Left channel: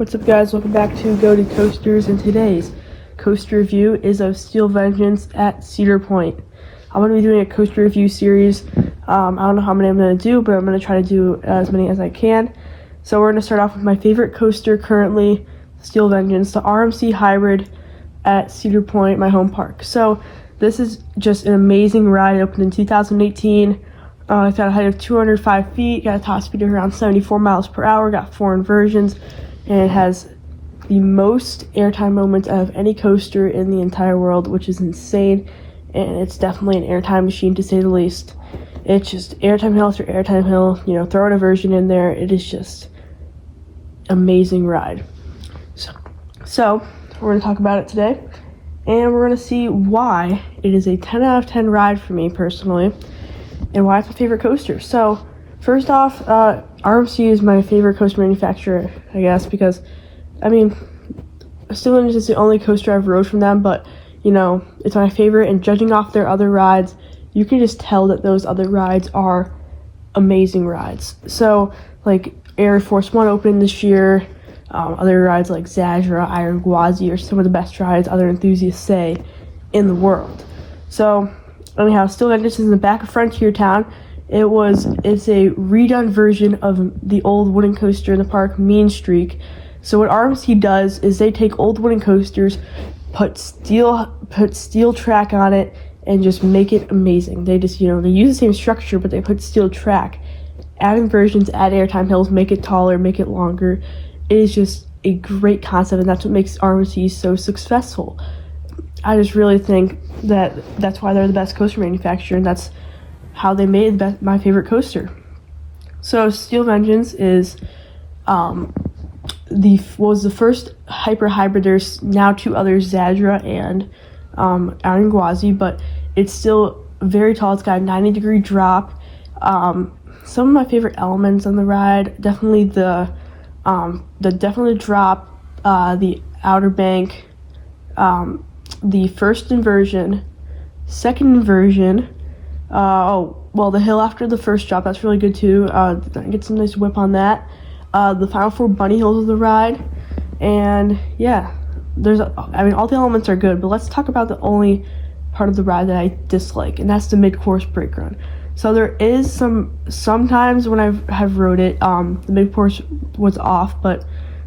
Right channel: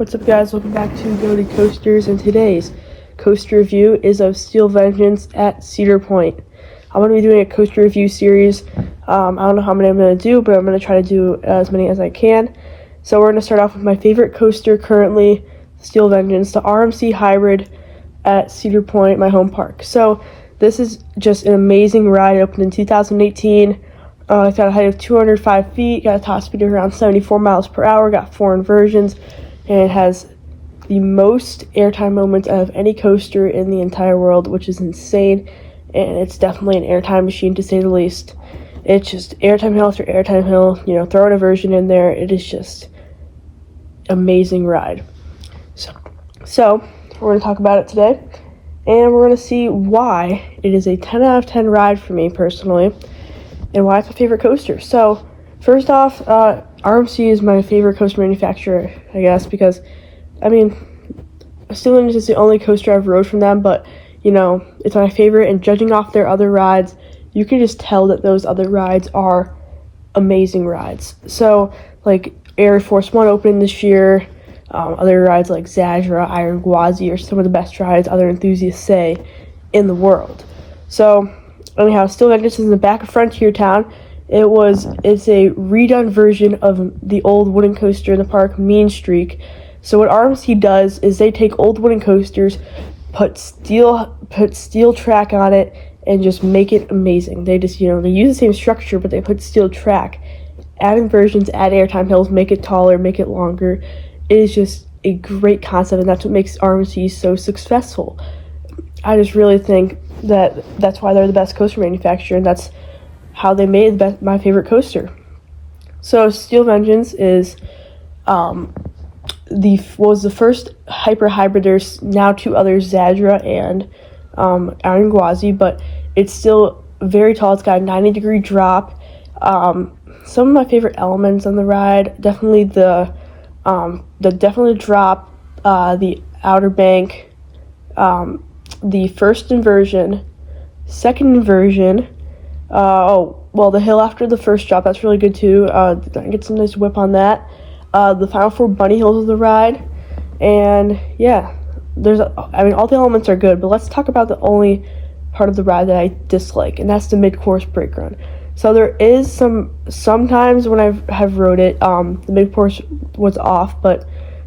What's up, guys? Welcome back to Go-To Coasters, and today's coaster review is of Steel Vengeance at Cedar Point. I'm going to be doing a coaster review series. I don't know how many I'm going to do, but I'm going to try to do as many as I can. So we're going to start off with my favorite coaster currently, Steel Vengeance, the RMC Hybrid at Cedar Point, my home park. So this is just an amazing ride. It opened in 2018. It's got a height of 205 feet, got a top speed of around 74 miles per hour, got 4 inversions, and it has the most airtime moments out of any coaster in the entire world, which is insane, and it's definitely an airtime machine to say the least. It's just airtime hill after airtime hill, throw an inversion in there. It is just amazing ride. So we're going to talk about it today, and we're going to see why it is a 10 out of 10 ride for me personally, and why it's my favorite coaster. So first off, RMC is my favorite coaster manufacturer, I guess, because, Steel Vengeance is the only coaster I've rode from them, but, it's my favorite, and judging off their other rides, you can just tell that those other rides are amazing rides. So, like, Air Force One opened this year, other rides like Cedar, Iron Gwazi are some of the best rides other enthusiasts say in the world. So, anyhow, Steel Vengeance is in the back of Frontier Town. It's a redone version of the old wooden coaster in the park, Mean Streak. So what RMC does is they take old wooden coasters, put steel track on it, and just make it amazing. They just, they use the same structure, but they put steel track, add inversions, add airtime hills, make it taller, make it longer. It is just a great concept, and that's what makes RMC so successful. I just really think that's why they're the best coaster manufacturer, and that's how they made my favorite coaster. So Steel Vengeance is was the first hyper hybrid. There's now 2 others, Cedar and Iron Gwazi, but it's still very tall. It's got a 90-degree drop. Some of my favorite elements on the ride, definitely the drop, the outer bank, the first inversion, second inversion, the hill after the first drop, that's really good too. Get some nice whip on that. The final 4 bunny hills of the ride, and yeah, all the elements are good, but let's talk about the only part of the ride that I dislike, and that's the mid-course brake run. So there is sometimes when I have rode it, the mid-course was off, but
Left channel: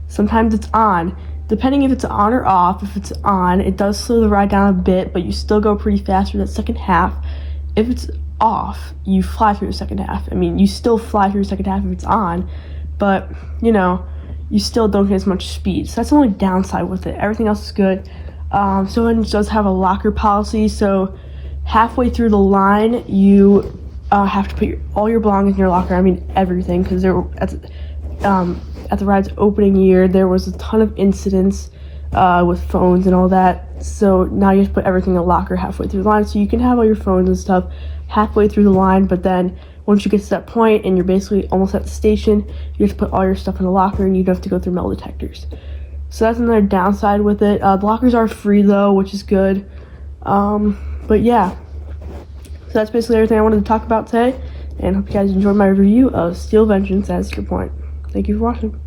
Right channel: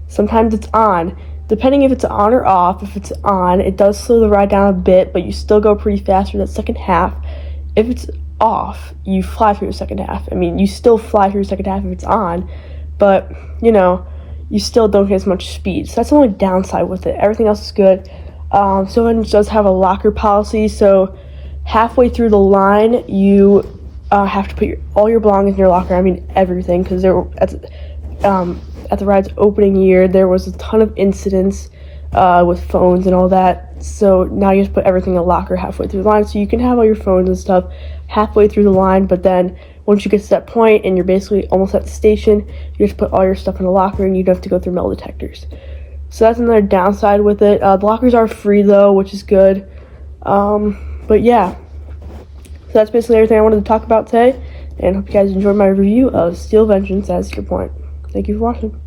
sometimes it's on. Depending if it's on or off, if it's on, it does slow the ride down a bit, but you still go pretty fast for that second half. If it's off, you fly through the second half. You still fly through the second half if it's on, but, you still don't get as much speed. So that's the only downside with it. Everything else is good. So it does have a locker policy, so halfway through the line, you have to put all your belongings in your locker. Everything, because at the ride's opening year, there was a ton of incidents with phones and all that. So now you have to put everything in a locker halfway through the line, so you can have all your phones and stuff halfway through the line, but then once you get to that point and you're basically almost at the station, you have to put all your stuff in a locker, and you don't have to go through metal detectors. So that's another downside with it. The lockers are free though, which is good. But yeah, so that's basically everything I wanted to talk about today, and hope you guys enjoyed my review of Steel Vengeance at Cedar Point. Thank you for watching.